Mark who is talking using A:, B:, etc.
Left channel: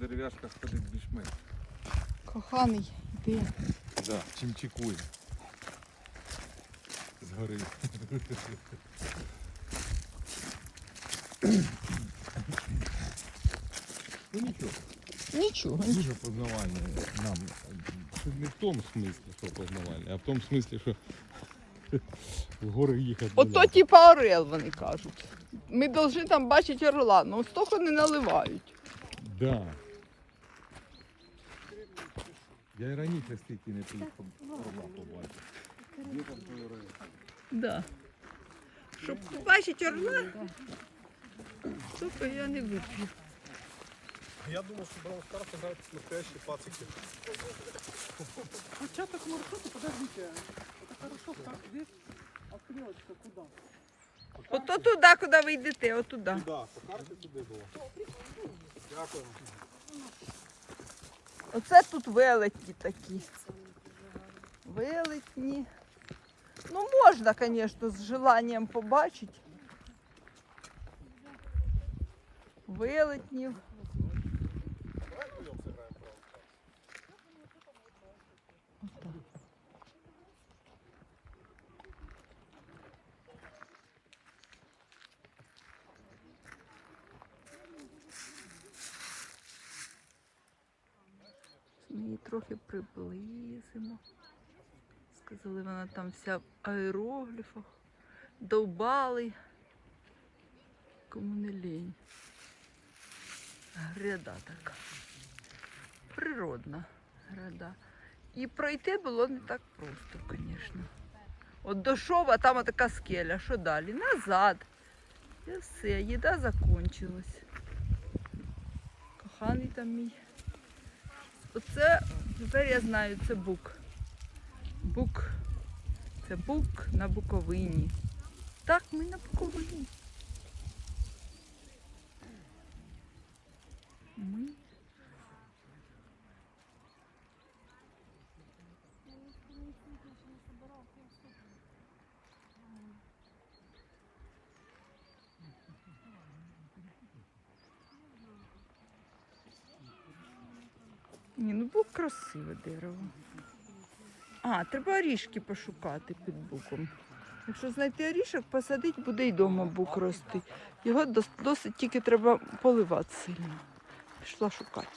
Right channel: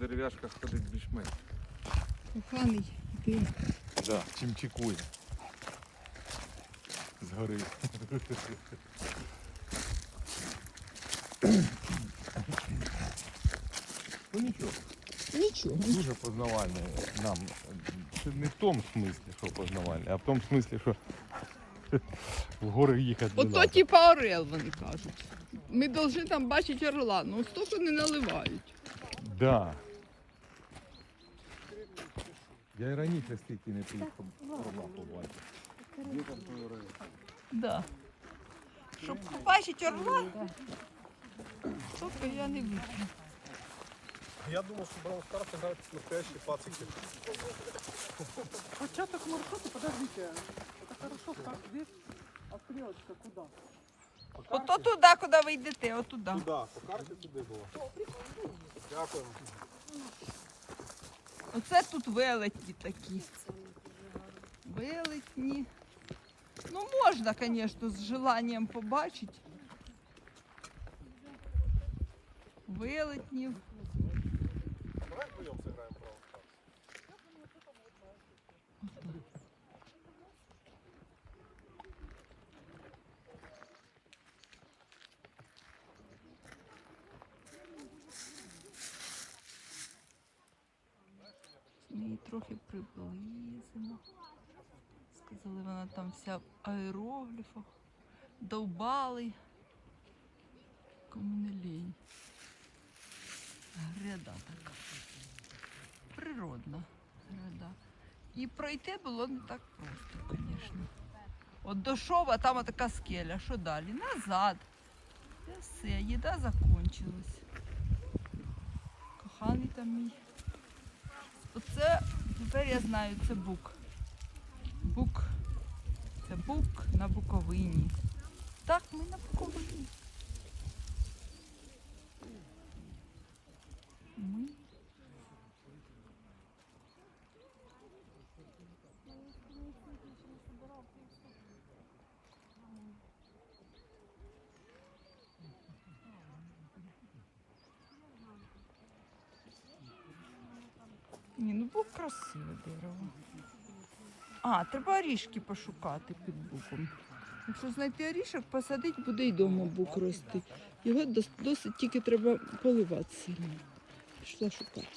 A: дерев'яшках ходить більш-менш.
B: Коханий, ти.
A: Да, чим чекує. Згори. Ну нічого,
B: Нічого.
A: дуже познавальне нам. Це не в тому смислі, що познавальне, а в тому смислі, що в гори їхати. не
B: Ото
A: надо.
B: типа орел, вони кажуть. Ми повинні там бачити орла, ну столько не наливають.
A: Да. Я і раніше стільки не приїхав орла. Де той орел?
B: Да. Щоб побачити орла, то я не вип'ю.
C: Я думал, что Браун Старс играет настоящие пацики.
D: Початок маршрута, подождите, это хорошо, так здесь, а стрелочка куда?
B: Ото туди, куди ви йдете, отуди.
C: Туда, по карте туди було. Дякую.
B: Оце тут велетні такі. Велетні. Ну, можна, звісно, з желанням побачити. Велетнів.
C: Давай вдвоєм сыграем
B: Ми її трохи приблизимо. Сказали, вона там вся в аерогліфах. Довбали. Кому не лінь. Гряда така. Природна гряда. І пройти було не так просто, звісно. От дошов, а там така скеля. Що далі? Назад. І все, їда закончилась. Коханий там мій. Оце тепер я знаю, це бук. Бук. Це бук на Буковині. Так, ми на Буковині. Ми. Ні, ну бук красиве дерево. А, треба орішки пошукати під буком. Якщо знайти орішок, посадити, буде й дома бук рости. Його досить тільки треба поливати сильно. Пішла шукати.